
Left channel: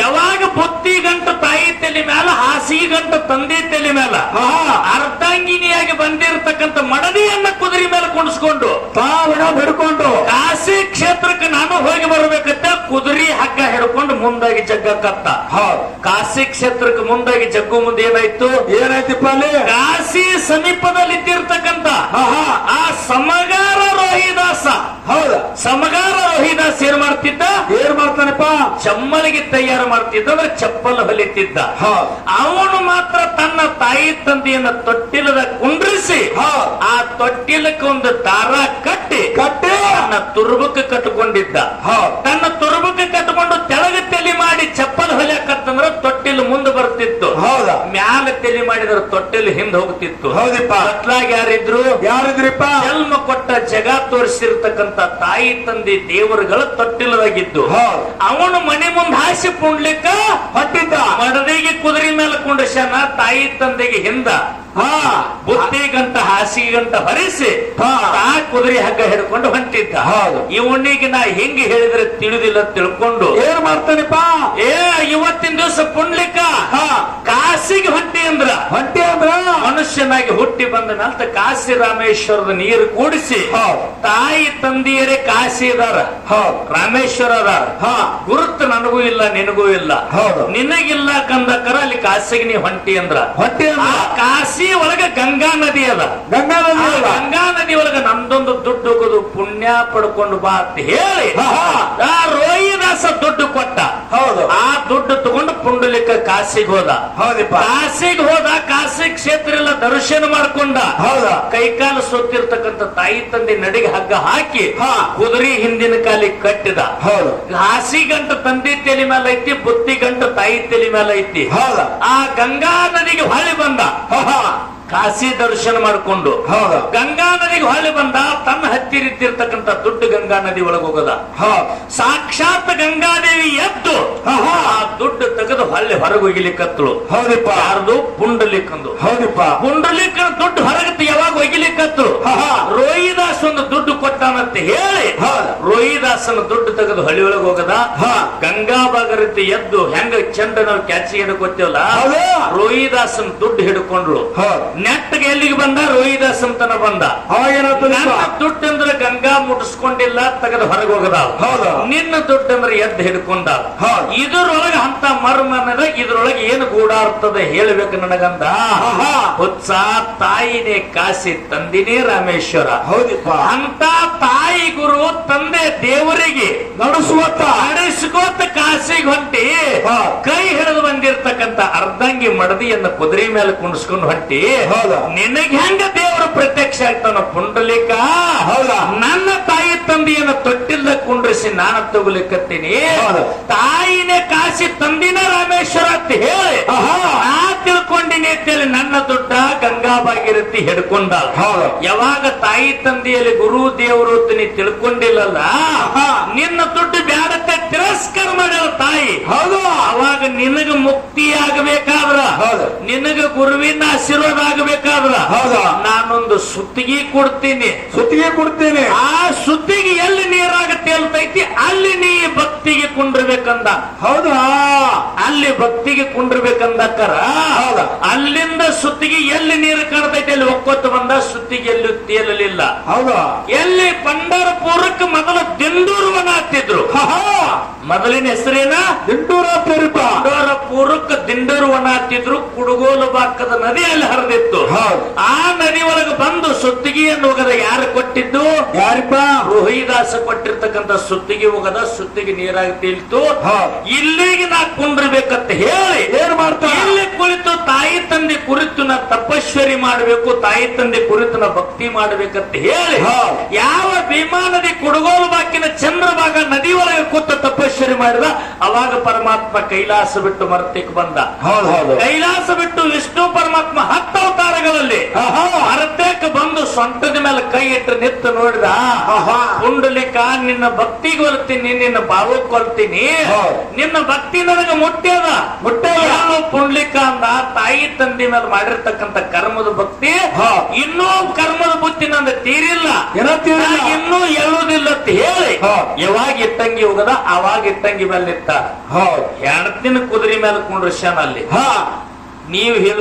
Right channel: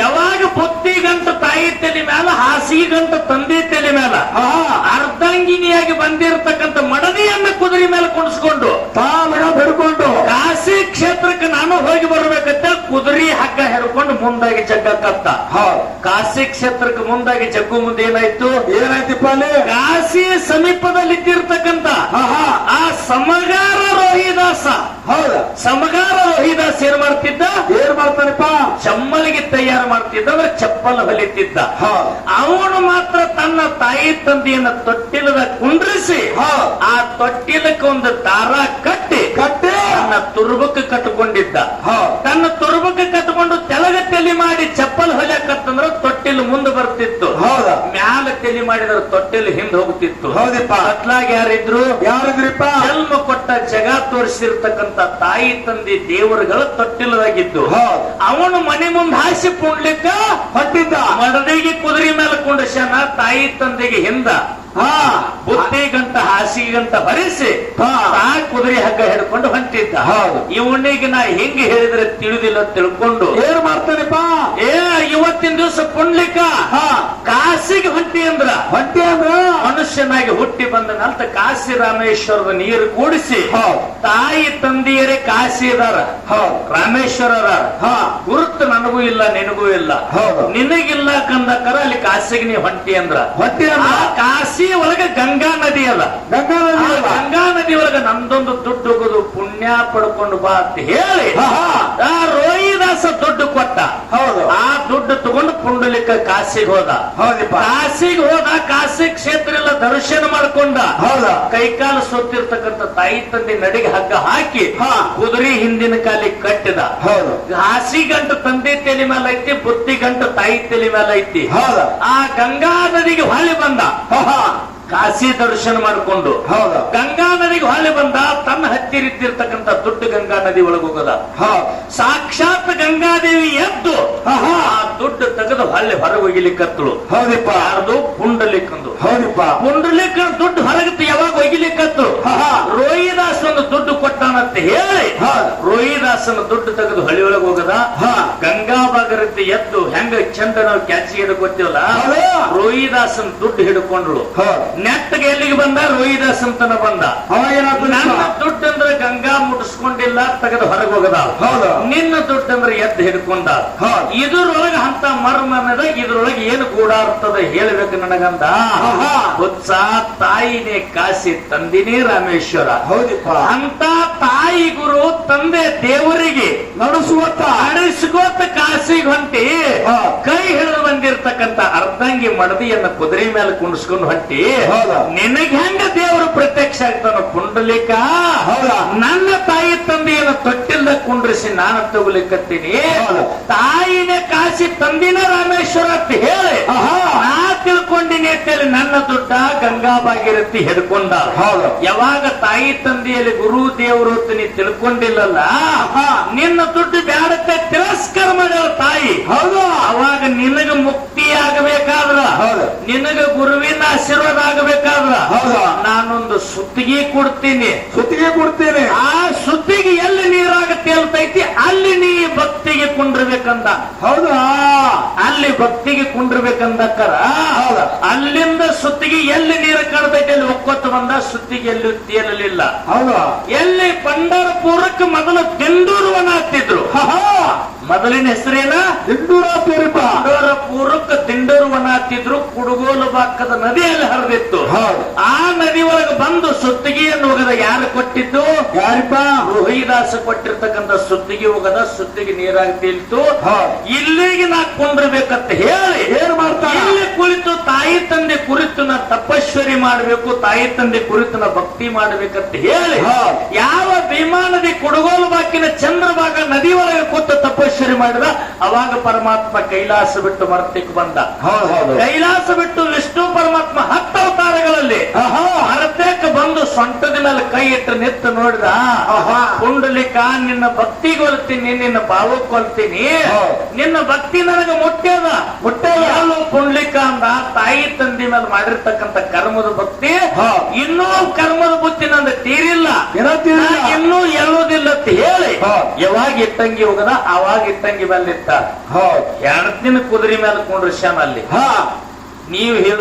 ಯಾವಾಗ ಬುತ್ತಿ ಗಂಟ ತಾಯಿ ತಲೆ ಮೇಲೆ, ಹಾಸಿಗೆ ಗಂಟ ತಂದಿ ತಲೆ ಮೇಲೆ ಅರ್ಧಾಂಗಿನಿಯಾಗಿ ಬಂದಿರತಕ್ಕಂಥ ಮಡದಿಯನ್ನ ಕುದುರೆ ಮೇಲೆ ಕುಣಿಸ್ಕೊಂಡು ಹಿಡ್ಕೊಂಡು ಕಾಶಿ ಕ್ಷೇತ್ರಕ್ಕೆ ನಾನು ಹೋಗಿ ಬರ್ಬೇಕಂತ ಕುದುರೆ ಹಗ್ಗ ಹಿಡ್ಕೊಂಡು ಮುಂದಾಗಿ ಜಗ್ಗಕ್ಕತ್ತ. ಕಾಶಿ ಕ್ಷೇತ್ರಕ್ಕೆ ಮುಂದಾಗಿ ಜಗ್ಗು ಮುಂದೆ ಏನಾಯ್ತು? ಏನಾಯ್ತಿಪ್ಪ ಅಲ್ಲಿ? ಕಾಶಿ ಸಮೀಪದಲ್ಲಿ ಇದ್ದಿರ್ತಕ್ಕಂಥ ಆ ಸಮಗಾರ ರೋಹಿದಾಸ. ಹೌದಾ? ಸಮಗಾರ ರೋಹಿದಾಸ್ ಏನ್ ಮಾಡ್ತಿದ್ದ? ಏನ್ ಮಾಡ್ತಾನಪ್ಪ? ಚಮ್ಮಲಿಗೆ ತಯಾರು ಮಾಡ್ತಿದ್ದ, ಅಂದ್ರೆ ಚಪ್ಪಲ್ ಹೊಲಿತಿದ್ದ. ಅವನು ಮಾತ್ರ ತನ್ನ ತಾಯಿ ತಂದೆಯನ್ನ ತೊಟ್ಟಿಲದ ಕುಂಡ್ರಿಸಿ ಆ ತೊಟ್ಟಿಲಕ್ಕೆ ಒಂದು ದಾರ ಕಟ್ಟಿ ತನ್ನ ತುರುಬಕ್ಕೆ ಕಟ್ಟಿಕೊಂಡಿದ್ದ. ತನ್ನ ತುರುಬಕ್ಕೆ ಕಟ್ಟಿಕೊಂಡು ತೆಳಗ ತೆಲಿ ಮಾಡಿ ಚಪ್ಪಲ್ ಹೊಲಿಯಕತ್ತಂದ್ರ ತೊಟ್ಟಿಲು ಮುಂದೆ ಬರ್ತಿತ್ತು, ಮ್ಯಾಲ ತೆಲಿ ಮಾಡಿದ್ರೆ ತೊಟ್ಟಿಲು ಹಿಂದೆ ಹೋಗ್ತಿತ್ತು. ಅತ್ಲಾಗ ಯಾರಿದ್ರು? ಜನ್ಮ ಕೊಟ್ಟ ಜಗ ತೋರಿಸಿರ್ತಕ್ಕಂಥ ತಾಯಿ ತಂದೆ ದೇವರುಗಳು ತೊಟ್ಟಿಲದಾಗಿದ್ದು. ಅವನು ಮನೆ ಮುಂದೆ ಹಾಸಿ ಪುಂಡ್ಲಿಕ್ಕ ಹೊಟ್ಟಿದ್ದ. ಮಡದಿಗೆ ಕುದುರೆ ಮೇಲೆ ಕುಂಡ್ರಿಸ್ಯಾನ, ತಾಯಿ ತಂದೆಗೆ ಹಿಂದ ಬುತ್ತಿ ಗಂಟ ಹಾಸಿಗೆ ಗಂಟ ಹೊರಿಸಿ ಆ ಕುದುರೆ ಹಗ್ಗ ಹಿಡ್ಕೊಂಡು ಹೊಂಟಿದ್ದ. ಇವನಿಗೆ ನಾ ಹೆಂಗೆ ಹೇಳಿದ್ರೆ ತಿಳಿದಿಲ್ಲ ತಿಳ್ಕೊಂಡು ಏನ್ ಮಾಡ್ತಾನಪ್ಪ? ಇವತ್ತು ಇವತ್ತಿನ ದಿವಸ ಪುಂಡ್ಲಿಕ ಹಾ ಕಾಸಿಗೆ ಹೊಟ್ಟಿ ಅಂದ್ರ ಹೊಂಟಿ ಅಂದ್ರ ಮನುಷ್ಯನಾಗಿ ಹುಟ್ಟಿ ಬಂದ ನಂತರ ಕಾಶಿ ರಾಮೇಶ್ವರದ ನೀರು ಕೂಡಿಸಿ ಹೌದು. ತಾಯಿ ತಂದೆಯರೇ ಕಾಶಿ ಇದಾರ ಹೌದು. ರಾಮೇಶ್ವರ ಅದಾರ ಹಾ ಗುರುತು ನನಗೂ ಇಲ್ಲ ನಿನಗೂ ಇಲ್ಲ ಹೌದು. ನಿನಗಿಲ್ಲ ಕಂದಕರ ಅಲ್ಲಿ ಕಾಸಿಗೆ ನೀ ಹೊಂಟಿ ಅಂದ್ರ ಹೊಂಟಿ ಅಂದ್ರ ಆ ಕಾಶಿ ಒಳಗ ಗಂಗಾ ನದಿ ಅದ ಗಂಗಾ ನದಿ ಆ ಅದ. ಗಂಗಾ ನದಿ ಒಳಗ ನಂದೊಂದು ದುಡ್ಡು ಹೋಗೋದು ಪುಣ್ಯ ಪಡ್ಕೊಂಡು ಬಾ ಅಂತ ಹೇಳಿ ಹಾ, ಹಾ. ಆ ರೋಹಿದಾಸ ದುಡ್ಡು ಕೊಟ್ಟ ಹೌದು. ಆ ದುಡ್ಡು ತಗೊಂಡು ಪುಂಡಲಿಕ ಕಾಶಿಗೆ ಹೋದ ಹೌದಪ್ಪ. ಕಾಶಿಗೆ ಹೋದ ಕಾಶಿ ಕ್ಷೇತ್ರ ಎಲ್ಲ ದರ್ಶನ ಮಾಡ್ಕೊಂಡ ಹೌದಾ. ಕೈಕಾಲು ಸುತ್ತಿರ್ತಕ್ಕಂಥ ತಾಯಿ ತಂದೆ ನಡಿಗೆ ಹಗ್ಗ ಹಾಕಿ ಹಾ. ಕುದುರೆ ಹಿಂದಿನ ಕಾಲಿಗೆ ಕಟ್ಟಿದ ಹೌದು. ಹಾಸಿ ಗಂಟು ತಂದೆ ತಲೆ ಮೇಲೆ ಐತಿ ಬುತ್ತಿ ಗಂಟು ತಾಯಿ ತಲೆ ಮೇಲೆ ಐತಿ ಹೌದಾ. ಆ ಗಂಗಾ ನದಿಗೆ ಹೊಳೆ ಬಂದ ಹಾ, ಹಾ. ಕಾಶಿ ದರ್ಶನ ಮಾಡಿಕೊಂಡು ಹೌದಾ. ಗಂಗಾ ನದಿಗೆ ಹೊಳೆ ಬಂದ ತನ್ನ ಹತ್ತಿರಿದ್ದಿರ್ತಕ್ಕಂಥ ದೊಡ್ಡ ಗಂಗಾ ನದಿ ಒಳಗೆ ಹೋಗದ ಹಾ ಸಾಕ್ಷಾತ್ ಗಂಗಾದೇವಿ ಎದ್ದು ಹಾ, ಹಾ. ಆ ದುಡ್ಡು ತೆಗೆದು ಹೊಳ್ಳಿ ಹೊರಗೆ ಒಗಿಲಿಕ್ಕತ್ತಳು ಹೌದಪ್ಪ. ಯಾರ್ದು ಪುಂಡಲಿಕ್ಕಂದು ಹೌದಪ್ಪ. ಪುಂಡಲಿಕ್ಕನ ದುಡ್ಡು ಹೊರಗೆ ಯಾವಾಗ ಒಗಿಲಿಕ್ಕತ್ತು ಹಾ, ಹಾ. ರೋಹಿದಾಸ್ ಒಂದು ದುಡ್ಡು ಕೊಟ್ಟಾನಂತ ಹೇಳಿ ಹಾ. ರೋಹಿದಾಸನ ದುಡ್ಡು ತೆಗೆದು ಹಳ್ಳಿ ಒಳಗೆ ಹೋಗದ ಹಾ. ಗಂಗಾ ಭಾಗರತಿ ಎದ್ದು ಹೆಂಗ ಚಂದ್ರ ನಾವು ಕ್ಯಾಚಿ ಹಿಡ್ಕೊತೀವಲ್ಲ ಹೌದಾ. ರೋಹಿದಾಸನ ದುಡ್ಡು ಹಿಡ್ಕೊಂಡ್ರು ಹಾ. ನೆಟ್ಟಗೆ ಎಲ್ಲಿಗೆ ಬಂದ ರೋಹಿದಾಸ್ ಅಂತನ ಬಂದ ಅವಾಗ ಏನಾಗ್ತದೆ? ನನ್ನ ದುಡ್ಡು ಅಂದ್ರೆ ಗಂಗಾ ಮುಟ್ಟಿಸ್ಕೊಂಡಿಲ್ಲ ತೆಗೆದು ಹೊರಗೆ ಹೋಗದ ಹೌದಾ. ನಿನ್ನ ದುಡ್ಡು ಅಂದ್ರೆ ಎದ್ದು ಹಿಡ್ಕೊಂಡ ಹಾ. ಇದ್ರೊಳಗೆ ಅಂತ ಮರ್ಮನದ ಇದ್ರೊಳಗೆ ಏನು ಗೂಡಾರ್ತದ ಹೇಳ್ಬೇಕು ನನಗಂದ ಆಹಾ. ಉತ್ಸಾಹ ತಾಯಿನೇ ಕಾಸಿ ತಂದಿನೇ ರಾಮೇಶ್ವರ ಹೌದಪ್ಪ. ಅಂತ ತಾಯಿ ಗುರು ತಂದೆ ದೇವರಿಗೆ ನಡೆಸುವತ್ತ ನಡೆಸ್ಕೋತ ಕಾಸಿಗೆ ಹೊಂಟಿ ಹಾ. ಕೈ ಹಿಡಿದು ಬಂದಿರ್ತಕ್ಕಂಥ ಅರ್ಧಂಗಿ ಮಡದಿಯನ್ನ ಕುದುರೆ ಮೇಲೆ ಕುಣಿಸ್ಕೊಂಡು ಹೊಂಟಿ ಹೌದಾ. ನಿನಗೆ ಹೆಂಗ ದೇವರು ಪ್ರತ್ಯಕ್ಷ ಆಗ್ತಾನ ಪುಂಡಲಿಕ ಹೌದಾ. ನನ್ನ ತಾಯಿ ತಂದೆಯನ್ನು ತೊಟ್ಟಿಲ್ದ ಕುಂಡ್ರಿಸಿ ನಾನು ತಗೊಲಿಕ್ಕತ್ತೀನಿ ಹೌದಾ. ತಾಯಿನೇ ಕಾಸಿ ತಂದಿನ ರಾಮೇಶ್ವರ ಅಂತ ಹೇಳಿ ಆಹಾ. ನಾ ತಿಳ್ಕೊಂಡಿನಿ ಅಂತೇಳಿ ನನ್ನ ದುಡ್ಡ ಗಂಗಾ ಭಾಗೀರಥಿ ಹಿಡ್ಕೊಂಡ ಹೌದಾ. ಯಾವಾಗ ತಾಯಿ ತಂದೆಯಲ್ಲಿ ಗುರು ದೇವರು ಅಂತ ನೀ ತಿಳ್ಕೊಂಡಿಲ್ಲಲ್ಲ ಆಹಾ. ನಿನ್ನ ದುಡ್ಡು ಬ್ಯಾಡತ್ತೆ ತಿರಸ್ಕಾರ ಮಾಡ್ಯಾರ ತಾಯಿ ಹೌದಾ. ಅವಾಗ ನಿನಗ ಮುಕ್ತಿ ಆಗಬೇಕಾದ್ರ ಹೌದಾ. ನಿನಗ ಗುರುವಿನ ಆಶೀರ್ವಾದ ಆಗಬೇಕಾದ್ರ ಹೌದಾ. ನಾನೊಂದು ಸುತ್ತಿಗೆ ಕೊಡ್ತೀನಿ ಸುತ್ತಿಗೆ ಕೊಡ್ತೇನೆ. ಆ ಸುತ್ತಿಗೆ ಎಲ್ಲಿ ನೀರಾಗ ತೇಲ್ತೈತಿ ಅಲ್ಲಿ ನೀ ಭಕ್ತಿಗೆ ಕುಂಡ್ರಬೇಕಂದ ಹೌದಾ. ಅಲ್ಲಿ ಭಕ್ತಿಗೆ ಕುಂಡ್ರಬೇಕಂದಕ್ಕರ ಹೌದಾ. ಅಲ್ಲಿಂದ ಸುತ್ತಿಗೆ ಎಲ್ಲಿ ನೀರು ಕಾಣ್ತೈತಿ ಅಲ್ಲಿ ಒಕ್ಕೊತ್ತು ಬಂದ ಸುತ್ತಿಗೆ ಎಲ್ಲೂ ತೇಲಲಿಲ್ಲ ಹೌದಾ. ಎಲ್ಲಿ ಪಂಡರಪುರಕ್ಕೆ ಮೊದಲು ದಿಂಡೂರುವನ ಹತ್ತಿದ್ರು ಆಹಾ. ಮೊದಲಿನ ಹೆಸರೇನ ದಿಂಡೂರಾತೇರಿಪ್ಪ. ಪೂರಕ್ಕೆ ದಿಂಡೂರುವನ ಹತ್ತಿದ್ರು ಕುಡುಗೋಲು ಬಾಕದ ನದಿಯಲ್ಲಿ ಹರಿದಿತ್ತು ಹೌದು. ಆ ನದಿ ಒಳಗೆ ಬಂದು ಸುತ್ತಿಗೆಯನ್ನು ಹೋಗದ ಯಾರು ಕೊಟ್ಟಿದ್ದು ಯಾರಿಪ್ಪ? ರೋಹಿದಾಸ ಕೊಟ್ಟಿರ್ತಕ್ಕಂಥ ಸುತ್ತಿಗೆ ಹೋಗದ ಸುತ್ತಿಗೆ ನೀರಾಗಿ ತೇಲ್ತು ಹೌದು. ಇಲ್ಲಿಗೆ ನಾ ಕುಂಡ್ರಬೇಕಂತ ಹೇಳಿ ಏನ್ ಮಾಡ್ತಾ? ಇಲ್ಲಿ ಕುಳಿತು ತಾಯಿ ತಂದೆ ಕುರಿತು ನಾ ತಪಶ್ವರಿ ಮಾಡಬೇಕು ತಾಯಿ ತಂದೆ ಕುರಿತು ನಾ ಭಕ್ತಿ ಮಾಡಬೇಕಂತ ಹೇಳಿ ಹೌದು. ಯಾವ ಭೀಮಾ ನದಿ ಕುಡುಗೋಲು ಬಾಕಿನ ಚಂದ್ರಭಾಗ ನದಿ ಒಳಗೆ ಕೂತು ತಪಶ್ವರಿ ಮಾಡಿದ ಅವಾಗ ಪರಮಾತ್ಮ ಕೈಲಾಸ ಬಿಟ್ಟು ಮರ್ತಿಕ್ ಬಂದ ಹೌದು ಹೌದು. ಕೈಲಾಸ ಬಿಟ್ಟು ವಿಷ್ಣು ಪರಮಾತ್ಮ 10 ಅವತಾರಗಳಲ್ಲಿ ಆಹಾ. ಮರತೇಕ ಬಂದು ಸೊಂಟದ ಮೇಲೆ ಕೈ ಇಟ್ಟು ನಿತ್ತು ನೋಡಿದ ಆಹಾ. ಪುಂಡಲಿಕ ನಿನ್ನ ಭಕ್ತಿ ಕೊಲ್ತೀನಿ ನಿನ್ನ ಭಾವ ಕೊಲ್ತೀನಿ ಹೌದು. ನಿನ್ನ ಭಕ್ತಿ ನನಗೆ ಮುಟ್ಟ್ಯದ ಮುಟ್ಟ್ಯದ. ಎಲ್ಲೋ ಪುಂಡಲಿಕ ಅಂದ ತಾಯಿ ತಂದೆ ಮೇಲೆ ಮಾಡಿರ್ತಕ್ಕಂಥ ಕರ್ಮದ ಭಕ್ತಿ ಹೌದು. ಇನ್ನೂ ಕರ್ಮದ ಬುತ್ತಿ ನಂದು ತೀರಿಲ್ಲ ಏನಂತೀರಿ? ನನಗೆ ಇನ್ನೂ ಎಳುವುದಿಲ್ಲ ಅಂತ ಹೇಳಿ ಹೌದು. ಯಾವಾಗ ಇಟ್ಟಂಗಿ ಹೋಗದ ಅವಾಗ ಇಟ್ಟಂಗಿ ಮೇಲೆ ಇತ್ತ ಹೌದು. 2 ದಿನ ಕುದುರೆ ಮೇಲೆ ಕುಂಡ್ರಸ್ಯಾನ ಅಲ್ಲಿ ಹಾ. ನೀವು ಹೇಳ